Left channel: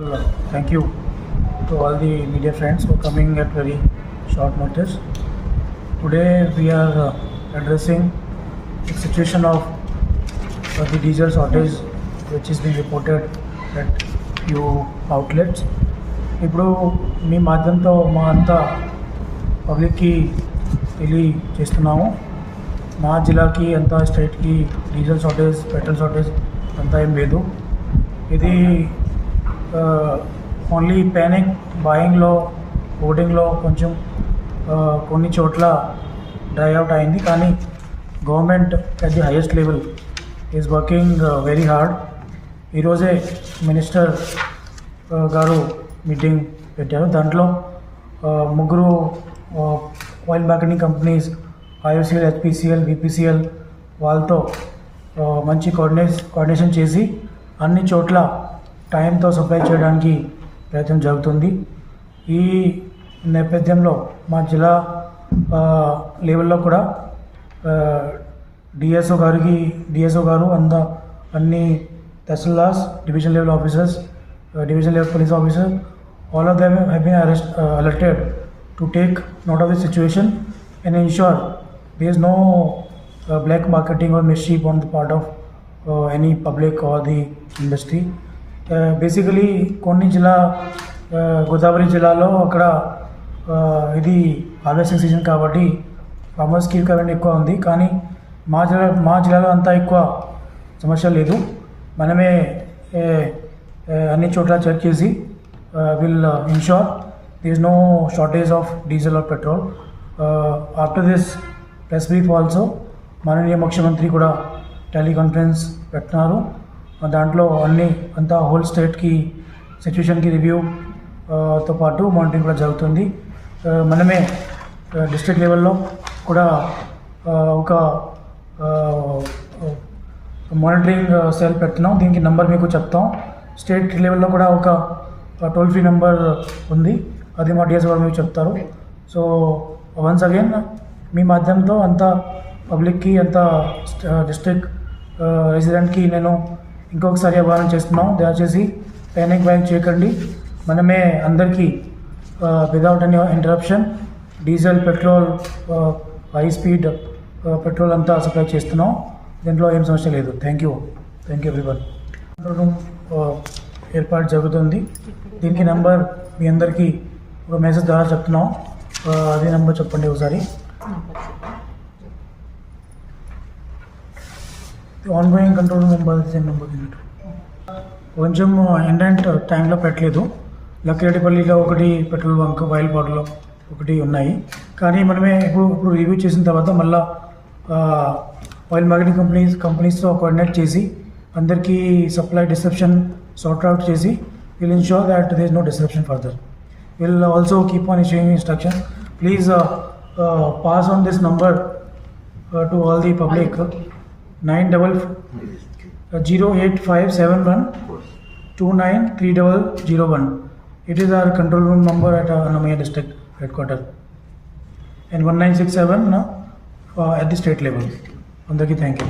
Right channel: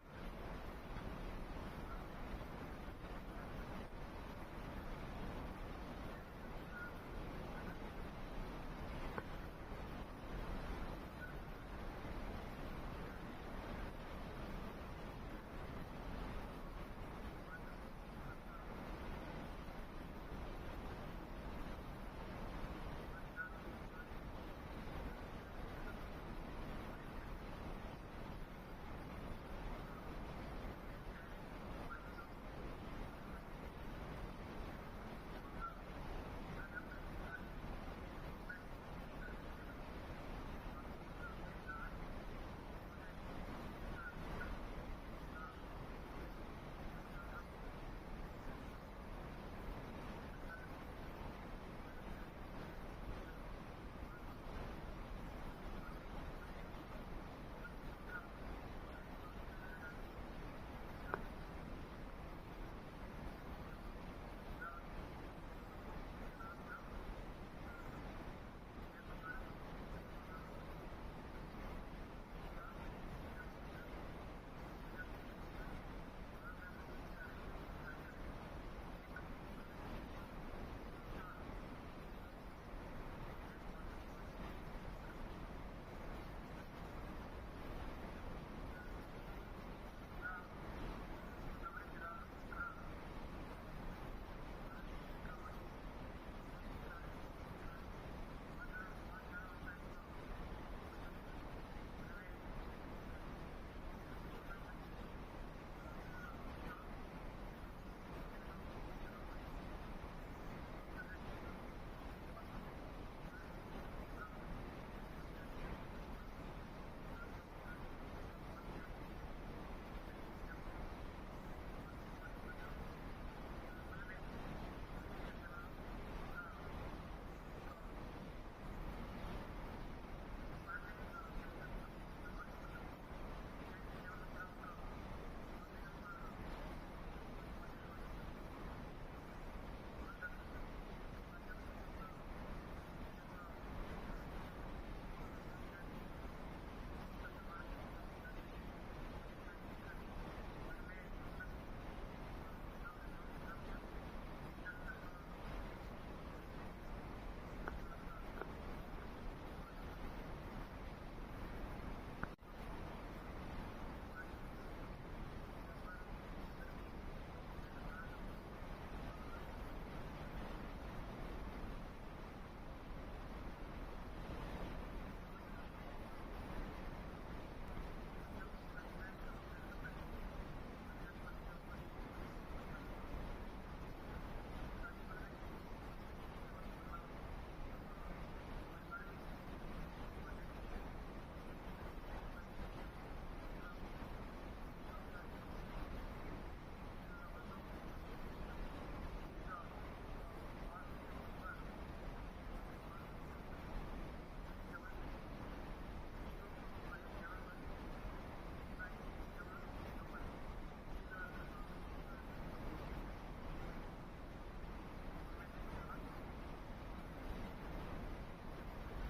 Thank you to all the media friends for coming at very short notice. Today we are addressing the situation of the diesel shortage which is being reported at few outlets. ఇప్పుడు మీ మాధ్యమంతో మా అంతా పబ్లిక్కి తెలియజేస్తున్నాము. మా జిల్లాకి అంతా స్టేట్కి డీజిల్ షార్టేజ్, పెట్రోల్ షార్టేజ్ అంతా ఏం లేదు. ఇది ఓన్లీ ప్యానిక్ బాయింగ్లో, ఓటింగ్లో కొంచెం కొన్ని చోట్ల డ్రై అవుట్ అయింది. కానీ government at the highest level is working very hard. ఈరోజే మినిస్టర్ గారు మీటింగ్ పెట్టారు. దాంట్లో ముగ్గురు oil marketing companies IOCL, HPCL, BPCL వాళ్ళతో మంచి కోఆర్డినేషన్ చేసి అన్ని చోట్ల టైంతో సప్లై చేయడానికి ప్రయత్నం జరుగుతుంది. ఈ నేపథ్యంలో మా జిల్లా లెవెల్లో కూడా డిఎస్ఓ గారు అన్ని tahsildars, division level officers, division level police officer, all of them have been alerted to take note of the situation and ensure there is no black marketing or mischief on the part of any public or the industry. Basically కొన్ని గోదావరి జిల్లాలో అక్కడ ఇది harvesting season కాబట్టి ఫార్మర్స్కి రిక్వైర్మెంట్ ఎక్కువ ఉంది. కానీ మా జిల్లాలో అంతా ఎక్కువ సమస్య లేదు. మనమే అన్ని చోట్ల చెక్ చేసి will ensure there is no shortage of diesel or petrol. After this press brief also మాననీయ ముఖ్యమంత్రి కూడా టెలికాన్ఫరెన్స్ పెట్టినారు. దాంట్లో అంతా హోల్ స్టేట్కి సిచ్యువేషన్కి రివ్యూతో పాటు మానిటరింగ్ కూడా జరుగుతుంది. మనమే డిస్ట్రిక్ట్ లెవెల్లో కూడా ఒక మానిటరింగ్ సెల్ పెడుతున్నాం. దీనికి నెంబర్ మీకు చెప్తాం. స్టేట్ లెవెల్లో కూడా ఒక టోల్ ఫ్రీ నెంబర్ ఉంది, అది మా డిఎస్ గారు మీకు చెప్తారు. సో వన్స్ అగైన్ మీ మాధ్యమంతో అంతా పబ్లిక్కి, అంతా డిస్ట్రిక్ట్ రెసిడెంట్కి నేను ఇంకొకసారి ఆహ్వానం చేస్తున్నాం. దయచేసి ప్యానిక్ బయింగ్ చేయకండి. మనమే అందరికీ without any interruption diesel, petrol, high speed petrol అంతా సప్లై చేస్తున్నాం. దీంట్లో ఏం సమస్య లేదు. Thank you everyone. ఏర్పాటు జరుగుతుంది. దీనికి నెంబర్ మీ అందరికీ ఒక మెసేజ్ ద్వారా చెప్తున్నాం. అదే నెంబర్ చెప్పండి ఒకసారి. Ongoing control number same number. కొంచెం ఎండెంట్ టైంలో పెట్టలేదు. లక్కిరెడ్డిపల్లిలో ఒకటి పెట్రోల్ బంక్, బయలుపాడులో ఒకటి ఉన్నాయి. కానీ మనమే ఇప్పుడు రివ్యూ చేసిన తర్వాత మళ్ళీ ఆయిల్ మార్కెటింగ్ కంపెనీస్తో కోఆర్డినేట్ చేసి అందరికీ సప్లై డిస్క్రిప్షన్ సార్ట్ అవుట్ చేసి will ensure that there is no disruption further. We'll also keep on issuing instructions. Please pass on this number to all the public. 08571293001. It is our control room number at Annamaya district headquarters, and 1967 at the state level. Andaki, thank you.